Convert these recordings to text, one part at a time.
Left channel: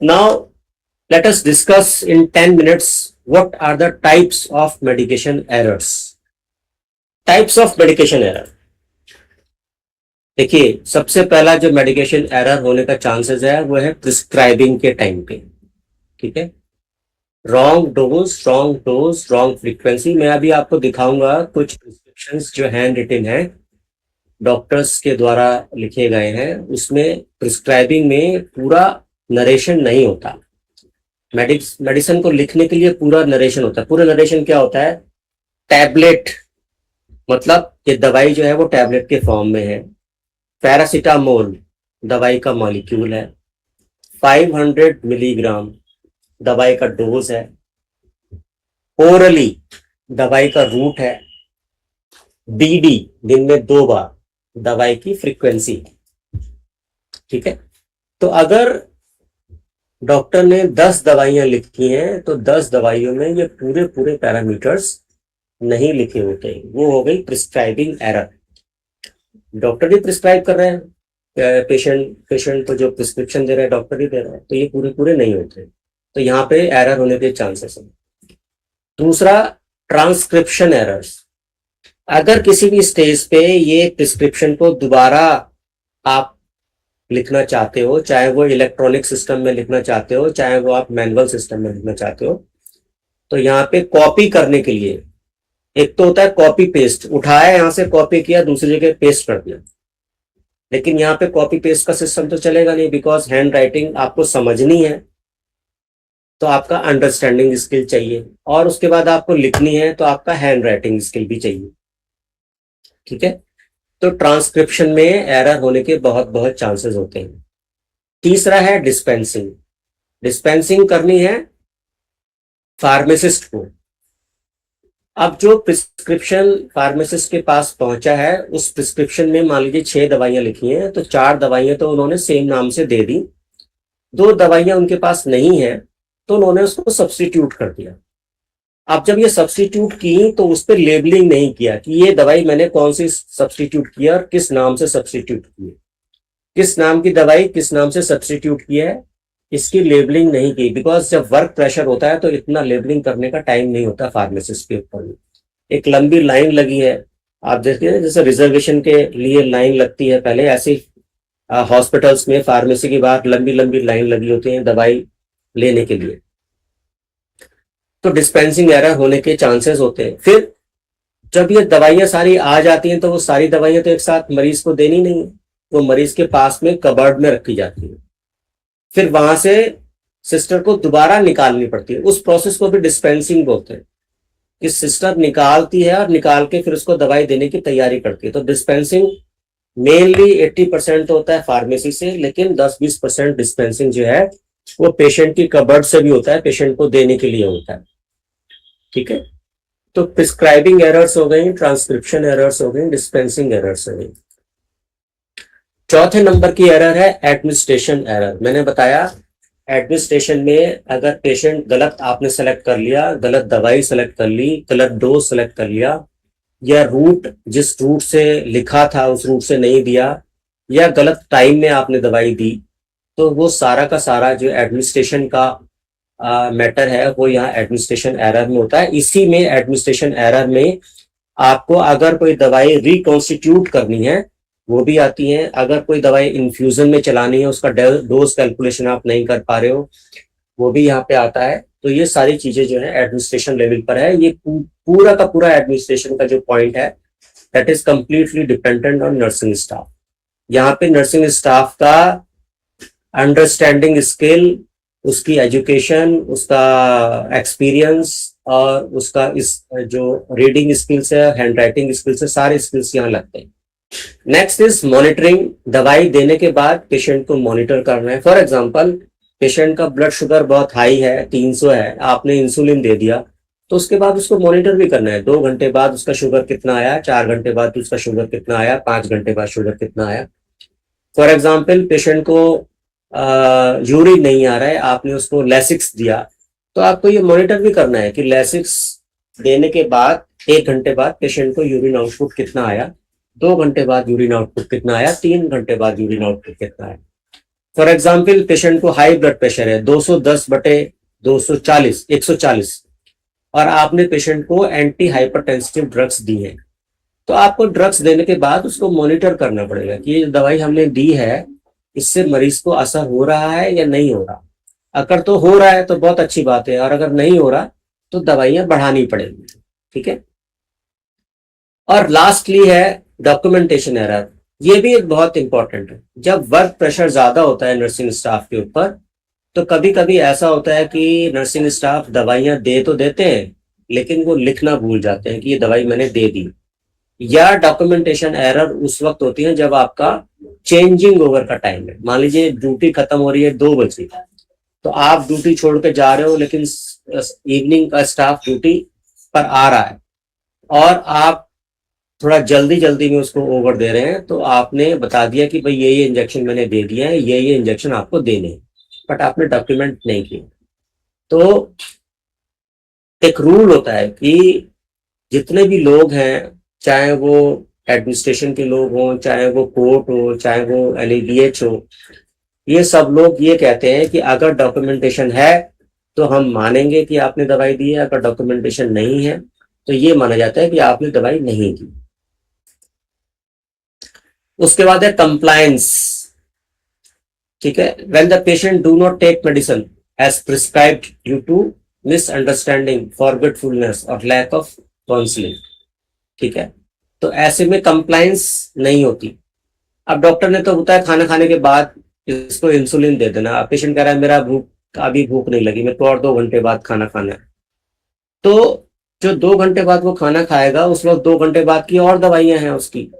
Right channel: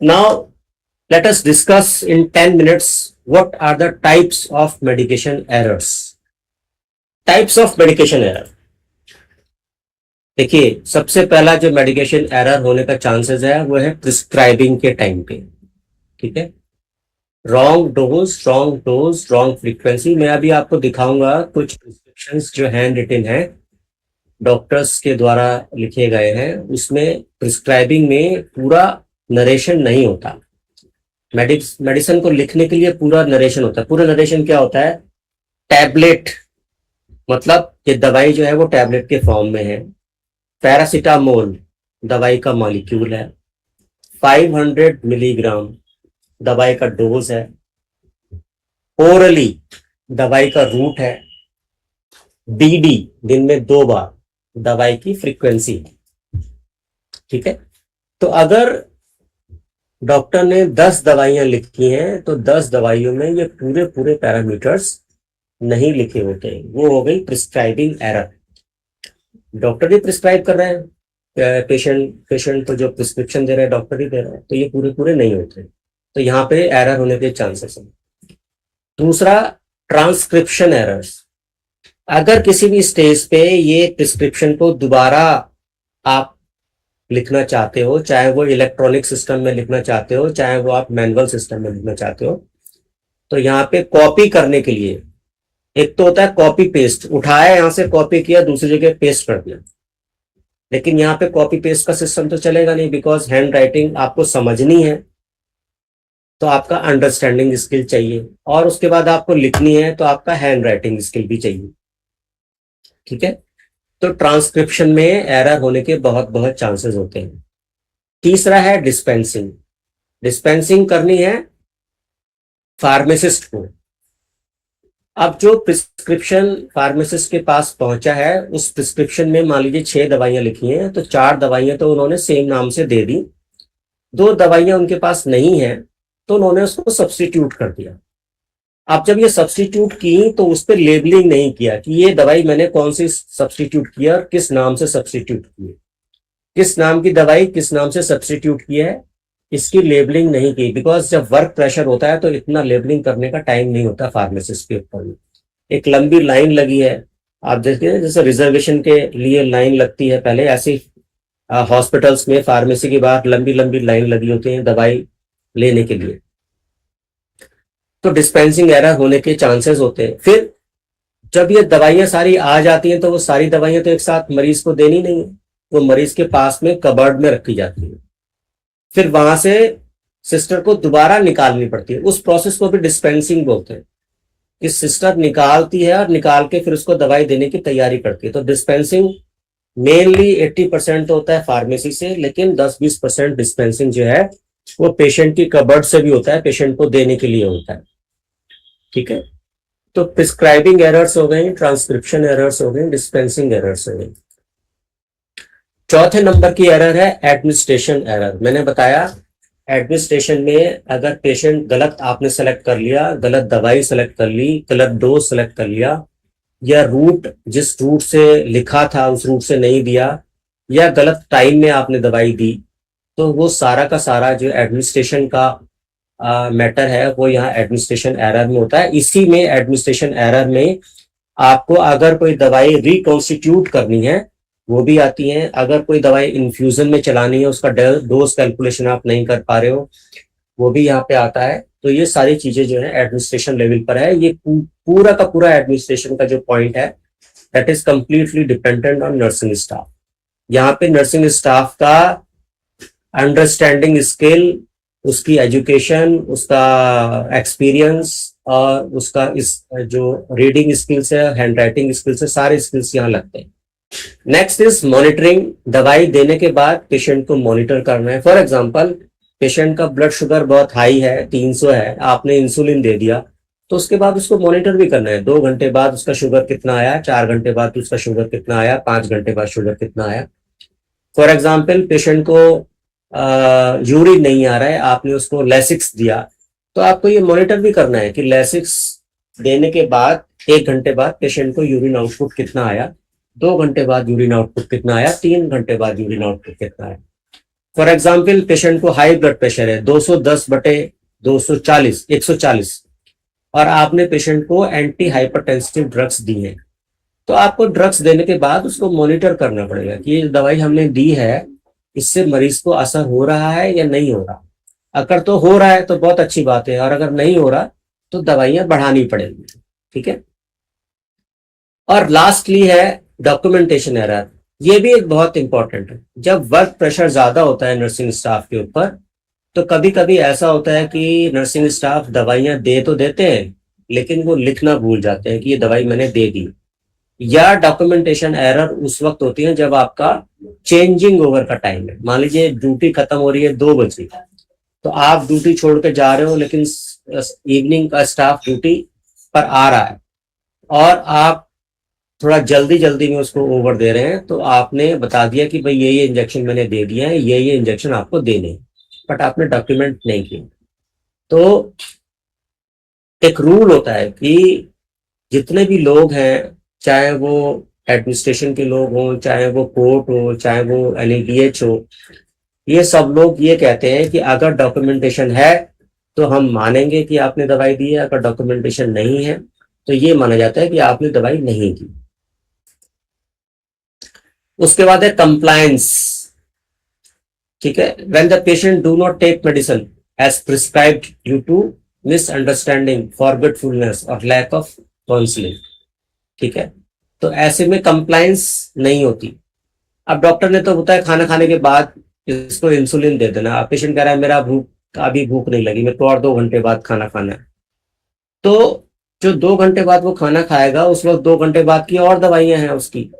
Now, let us discuss in 10 minutes what are the types of medication errors. Types of medication error. देखिए, सबसे पहला जो medication error होने का chances है वो है प्रिस्क्राइबिंग के टाइम पे. ठीक है, रॉन्ग डोज, रॉन्ग फ्रीक्वेंसी. मैं अभी आपको दिखाऊंगा कुछ प्रिस्क्रिप्शंस जो हैंड रिटन है, डॉक्टर्स के द्वारा लिखे गए हैं. उसमें प्रिस्क्राइबिंग में पूरा नरेशन नहीं होता. मेडिसिन को लिखने के लिए पूरा नरेशन होता है. पूरा नरेशन क्या होता है? टैबलेट, मतलब ये दवाई जो है वो टैबलेट के फॉर्म में है. पैरासीटामोल दवाई का मॉलिक्यूल है. 500 मिलीग्राम दवाई का डोज है. ओरली दवाई का रूट है. बीडी दिन में 2 बार दवाई की फ्रीक्वेंसी. ठीक है, तो अगर डॉक्टर ने 10 दवाइयां लिखी हैं तो 10 दवाइयों में ये पूरे पूरे पैरामीटर्स नहीं लिखे होते. वो हो गई प्रिस्क्राइबिंग एरर. डॉक्टर ही प्रिस्क्राइब कर रहे हैं, पेशेंट को जो प्रिस्क्रिप्शन दे रहा है डॉक्टर ही दे रहा है, तो ये पूरे पूरे नहीं होते. तो यहाँ पे एरर होने के चांसेस हैं. दूसरा, ट्रांसक्रिप्शन एरर्स. अगर किसी भी स्टेज पे ये प्रिस्क्रिप्शन को दोबारा आप लिखना चाहते हो, चाहे वो इलेक्ट्रॉनिक सिस्टम में लिखना चाहते हो, चाहे वो आप मैनुअल सिस्टम में लिखना चाहते हो, तो यहाँ पे कॉपी करने के लिए एक तो होता है कॉपी पेस्ट, उठाया यहां से कॉपी किया दूसरी जगह पेस्ट कर दिया. लेकिन यहाँ पे कॉपी पेस्ट का सिस्टम तो चलेगा नहीं, बिकॉज हैंड राइटिंग आपको समझनी है तो आपका अंडरस्टैंडिंग स्किल चाहिए, और उसके बाद आपको लिखनी है तो आपका हैंड राइटिंग स्किल भी चाहिए. ठीक है, तो ट्रांसक्रिप्शन में एरर होने के बहुत बहुत चांसेस होते हैं. तीसरा है डिस्पेंसिंग. डिस्पेंसिंग करनी है फार्मासिस्ट को. अब जो प्रिस्क्रिप्शन फार्मासिस्ट के पास पहुंचा है, उस प्रिस्क्रिप्शन में मान लीजिए 6 दवाइयां लिखी हैं, तो 4 दवाइयां तो उन्होंने सेम नाम से दे दी. 2 दवाइयां उनके पास नहीं है तो उन्होंने उसको सब्स्टिट्यूट कर दिया. अब जब ये सब्स्टिट्यूट की तो उस पर लेबलिंग नहीं किया कि ये दवाई मैंने कौन सी सब्स्टिट्यूट किया और किस नाम से सब्स्टिट्यूट की है, किस नाम की दवाई किस नाम से सब्स्टिट्यूट किया है, इसकी लेबलिंग नहीं की. बिकॉज जब वर्क प्रेशर होता है तो इतना लेबलिंग करने का टाइम नहीं होता फार्मासिस्ट के ऊपर. एक लंबी लाइन लगी है, आप देखते हैं जैसे रिजर्वेशन के लिए लाइन लगती है पहले, ऐसे हॉस्पिटल्स में फार्मेसी के बाहर लंबी लंबी लाइन लगी होती है दवाई लेने के लिए. तो डिस्पेंसिंग एरर होने के चांसेस होते हैं. फिर जब ये दवाइयां सारी आ जाती हैं तो वो सारी दवाइयां तो एक साथ मरीज को देनी नहीं है, वो मरीज के पास में कबर्ड में रखी जाती है. फिर वहां से सिस्टर को दोबारा निकालनी पड़ती है. उस प्रोसेस को भी डिस्पेंसिंग बोलते हैं, कि सिस्टर निकालती है और निकाल के फिर उसको दवाई देने की तैयारी करती है. तो डिस्पेंसिंग मेनली 80% होता है फार्मेसी से, लेकिन 10-20% डिस्पेंसिंग जो है वो पेशेंट की कबर्ड से भी होता है, पेशेंट को देने के लिए होता है. ठीक है, तो प्रिस्क्राइबिंग एरर्स हो गई, ट्रांसक्रिप्शन एरर्स हो गई, डिस्पेंसिंग एरर्स हो गई. चौथे नंबर की एरर है एडमिनिस्ट्रेशन एरर. मैंने बताया एडमिनिस्ट्रेशन में अगर पेशेंट गलत आपने सेलेक्ट कर लिया, गलत दवाई सेलेक्ट कर ली, गलत डोज सेलेक्ट कर लिया, या रूट जिस रूट से लिखा था उस रूट से नहीं दिया, या गलत टाइम में आपने दवाई दी, तो वो सारा का सारा जो एडमिनिस्ट्रेशन का मैटर है वो यहाँ एडमिनिस्ट्रेशन एरर में होता है. इसी में एडमिनिस्ट्रेशन एरर में आपको अगर कोई दवाई रिकॉन्स्टिट्यूट करनी है वो भी आती है. अगर कोई दवाई इन्फ्यूजन में चलानी है, उसका डोज कैलकुलेशन आप नहीं कर पा रहे हो, वो भी यहाँ पे आता है. तो ये सारी चीजें जो है एडमिनिस्ट्रेशन लेवल पर है. ये पूरा का पूरा एडमिनिस्ट्रेशन का जो पॉइंट है that is completely dependent on nursing staff. यहाँ पे नर्सिंग स्टाफ का अंडरस्टैंडिंग स्किल, उसकी एजुकेशन, उसका एक्सपीरियंस और उसका इस जो रीडिंग स्किल्स है, हैंड राइटिंग स्किल्स है, सारे स्किल्स यहाँ लगते हैं. Next is monitoring. दवाई देने के बाद पेशेंट को मॉनिटर करना है. फॉर एग्जांपल, पेशेंट का ब्लड शुगर बहुत हाई है, 300 है, आपने इंसुलिन दे दिया, तो उसके बाद उसको मॉनिटर भी करना है. 2 घंटे बाद उसका शुगर कितना आया, 4 घंटे बाद उसका शुगर कितना आया, 5 घंटे बाद शुगर कितना आया. फॉर एग्जाम्पल, पेशेंट को यूरिन नहीं आ रहा है, आपने उसको लेसिक्स दिया, तो आपको ये मॉनिटर भी करना है कि लेसिक्स देने के बाद 1 घंटे बाद पेशेंट को यूरिन आउटपुट कितना आया, 2 घंटे बाद यूरिन आउटपुट कितना आया, 3 घंटे बाद यूरिन आउटपुट कितना आया. फॉर एग्जाम्पल पेशेंट को हाई ब्लड प्रेशर है 210/240 140, और आपने पेशेंट को एंटी हाइपरटेंसिव ड्रग्स दी हैं, तो आपको ड्रग्स देने के बाद उसको मॉनिटर करना पड़ेगा कि ये दवाई हमने दी है, इससे मरीज को असर हो रहा है या नहीं हो रहा। अगर तो हो रहा है तो बहुत अच्छी बात है, और अगर नहीं हो रहा तो दवाइयां बढ़ानी पड़ेगी। ठीक है। और लास्टली है डॉक्यूमेंटेशन एरर। ये भी एक बहुत इंपॉर्टेंट है। जब वर्क प्रेशर ज्यादा होता है नर्सिंग स्टाफ के ऊपर, तो कभी कभी ऐसा होता है कि नर्सिंग स्टाफ दवाइयां दे तो देते हैं, लेकिन वो लिखना भूल जाते हैं कि ये दवाई मैंने दे दी। या डॉक्यूमेंटेशन एरर उस वक्त होती है जब आपका चेंजिंग ओवर का टाइम है। मान लीजिए ड्यूटी खत्म हो रही है 2 बजे, तो आप ड्यूटी छोड़ के जा रहे हो, लेकिन इवनिंग का स्टाफ ड्यूटी पर आ रहा है, और आप थोड़ा जल्दी जल्दी में उसको ओवर दे रहे हैं, तो आपने बता दिया कि भाई ये इंजेक्शन मैंने दे दिया है, ये इंजेक्शन आपको देने हैं, बट आपने डॉक्यूमेंट नहीं किया। तो एक रूल होता है कि जितने भी लोग हैं, चाहे वो एडमिनिस्ट्रेशन के लोग हों, चाहे वो कोर्ट हो, चाहे वो NABH हो, ये सब लोग ये कहते हैं कि अगर डॉक्यूमेंटेशन है तो हम मानेंगे कि आपने दवाई दी है, अगर डॉक्यूमेंटेशन नहीं है तो ये माना जाता है कि आपने दवाई नहीं दी। उसके बाद है कंप्लायंस। ठीक है। When the patient do not take medicine as prescribed due to misunderstanding, forgetfulness और लैक ऑफ काउंसलिंग। ठीक है। तो ऐसे में कंप्लायंस नहीं होती। अब डॉक्टर ने तो होता है खाना खाने के बाद इसको इंसुलिन दे देना, अब पेशेंट कह रहा है मेरा अभी भूख नहीं लगी, मेरे को और 2 घंटे बाद खाना खाना है, तो जो 2 घंटे बाद वो खाना खाएगा उस वक्त 2 घंटे बाद की और दवाइयां हैं उसकी,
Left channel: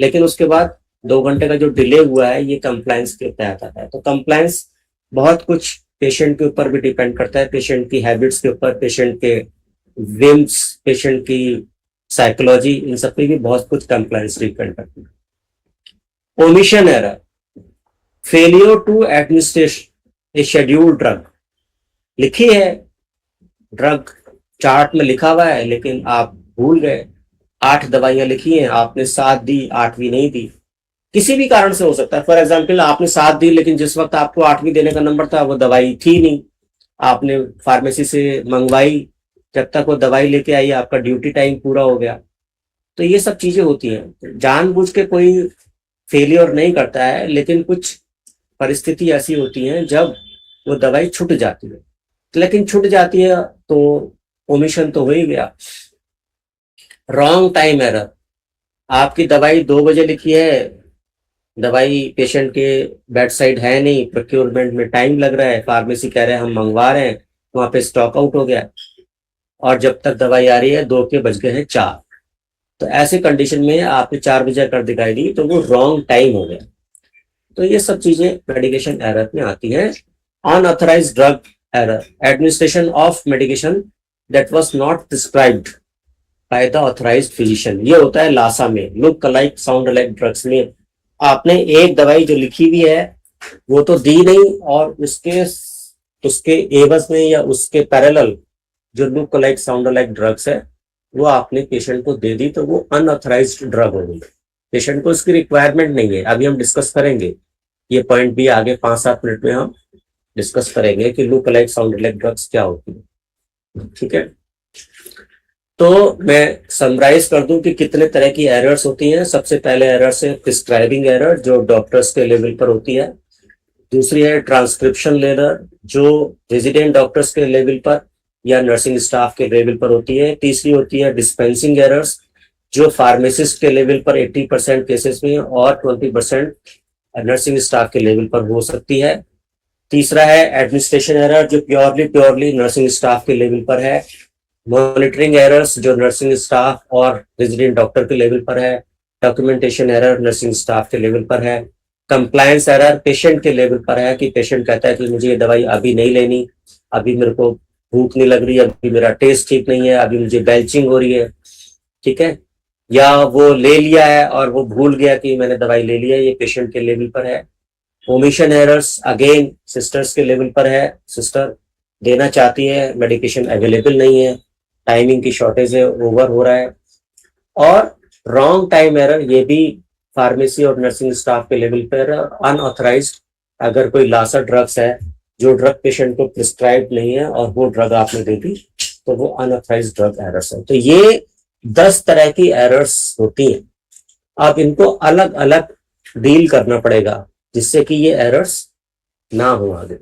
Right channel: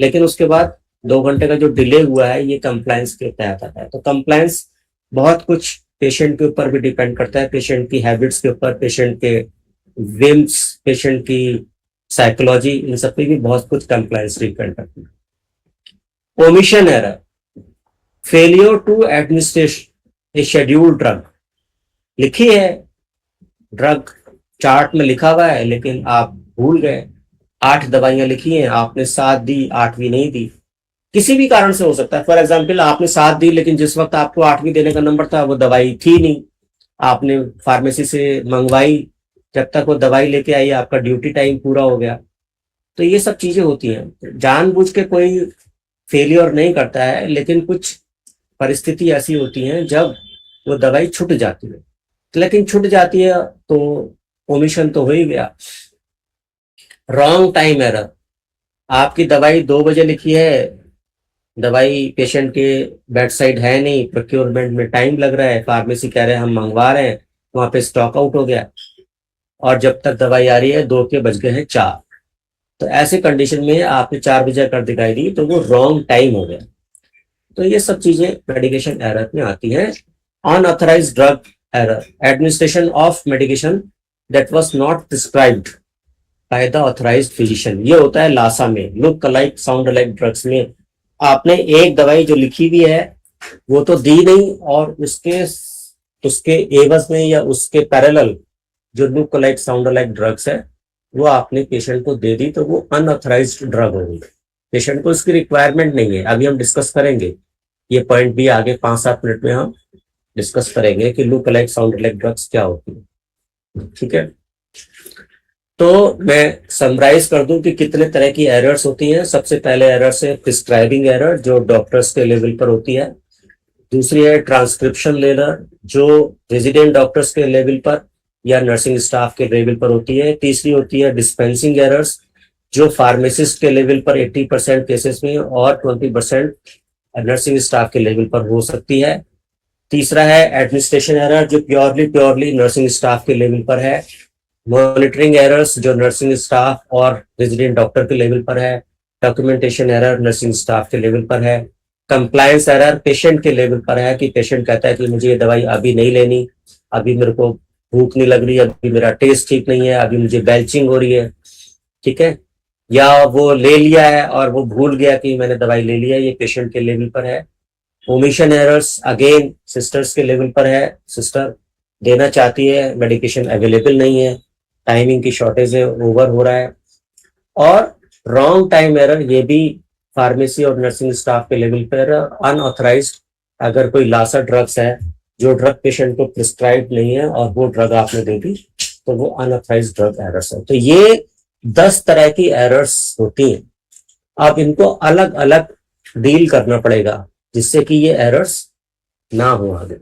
लेकिन उसके बाद 2 घंटे का जो डिले हुआ है ये कंप्लायंस के तहत आता है। तो कंप्लायंस बहुत कुछ पेशेंट के ऊपर भी डिपेंड करता है, पेशेंट की हैबिट्स के ऊपर, पेशेंट के विम्स, पेशेंट की साइकोलॉजी, इन सब पे भी बहुत कुछ कंप्लायंस डिपेंड करती है। Omission error, failure to administrate a scheduled drug. लिखी है ड्रग, चार्ट में लिखा हुआ है, लेकिन आप भूल गए। 8 दवाइयां लिखी हैं, आपने 7 दी, 8वीं नहीं दी। किसी भी कारण से हो सकता है। फॉर एग्जाम्पल आपने 7 दी, लेकिन जिस वक्त आपको 8वीं देने का नंबर था वो दवाई थी नहीं, आपने फार्मेसी से मंगवाई, जब तक वो दवाई लेके आई आपका ड्यूटी टाइम पूरा हो गया। तो ये सब चीजें होती हैं। जानबूझ के कोई फेलियर नहीं करता है, लेकिन कुछ परिस्थिति ऐसी होती हैं जब वो दवाई छूट जाती है, लेकिन छूट जाती है तो ओमिशन तो हो ही गया। रॉन्ग टाइम एरर, आपकी दवाई 2 बजे लिखी है, दवाई पेशेंट के बेड साइड है नहीं, प्रोक्योरमेंट में टाइम लग रहा है, फार्मेसी कह रहे हैं हम मंगवा रहे हैं, वहां पे स्टॉक आउट हो गया, और जब तक दवाई आ रही है 2 के बज गए हैं 4। तो ऐसे कंडीशन में आपने 4 बजे कर दिखाई दी तो वो रॉन्ग टाइम हो गया। तो ये सब चीजें मेडिकेशन एरर में आती हैं। Unauthorised drug error, administration of medication that was not prescribed by the authorised physician. ये होता है लासा में, look alike sound alike drugs में। आपने एक दवाई जो लिखी हुई है वो तो दी नहीं, और उसके एवज में या उसके पैरेलल जो look alike sound alike drugs है वो आपने पेशेंट को दे दी, तो वो अनऑथराइज्ड ड्रग होगी। पेशेंट को इसकी रिक्वायरमेंट नहीं है। अभी हम डिस्कस करेंगे ये पॉइंट भी, आगे 5-7 मिनट में हम डिस्कस करेंगे कि look alike sound alike drugs क्या होती है। ठीक है। तो मैं समराइज कर दूं कि कितने तरह की एरर्स होती हैं। सबसे पहले एरर्स है प्रिस्क्राइबिंग एरर, जो डॉक्टर्स के लेवल पर होती है। दूसरी है ट्रांसक्रिप्शन एरर, जो रेजिडेंट डॉक्टर्स के लेवल पर या नर्सिंग स्टाफ के लेवल पर होती है। तीसरी होती है डिस्पेंसिंग एरर्स, जो फार्मासिस्ट के लेवल पर 80% केसेस में और 20% नर्सिंग स्टाफ के लेवल पर हो सकती है। तीसरा है एडमिनिस्ट्रेशन एरर, जो प्योरली नर्सिंग स्टाफ के लेवल पर है। मॉनिटरिंग एरर्स, जो नर्सिंग स्टाफ और रेजिडेंट डॉक्टर के लेवल पर है। डॉक्यूमेंटेशन एरर नर्सिंग स्टाफ के लेवल पर है। कंप्लायंस एरर पेशेंट के लेवल पर है, कि पेशेंट कहता है कि मुझे ये दवाई अभी नहीं लेनी, अभी मेरे को भूख नहीं लग रही, अभी मेरा टेस्ट ठीक नहीं है, अभी मुझे बेल्चिंग हो रही है। ठीक है। या वो ले लिया है और वो भूल गया कि मैंने दवाई ले लिया, ये पेशेंट के लेवल पर है। ओमिशन एरर्स अगेन सिस्टर्स के लेवल पर है, सिस्टर देना चाहती है, मेडिकेशन अवेलेबल नहीं है, टाइमिंग की शॉर्टेज है, ओवर हो रहा है। और रॉन्ग टाइम एरर, ये भी फार्मेसी और नर्सिंग स्टाफ के लेवल पर अनऑथराइज्ड अगर कोई लासा ड्रग्स है जो ड्रग पेशेंट को प्रिस्क्राइब नहीं है और वो ड्रग आपने दे दी, तो वो अनऑथराइज्ड ड्रग एरर्स है। तो ये 10 तरह की एरर्स होती हैं। अब इनको अलग अलग डील करना पड़ेगा जिससे कि ये एरर्स ना हो आगे।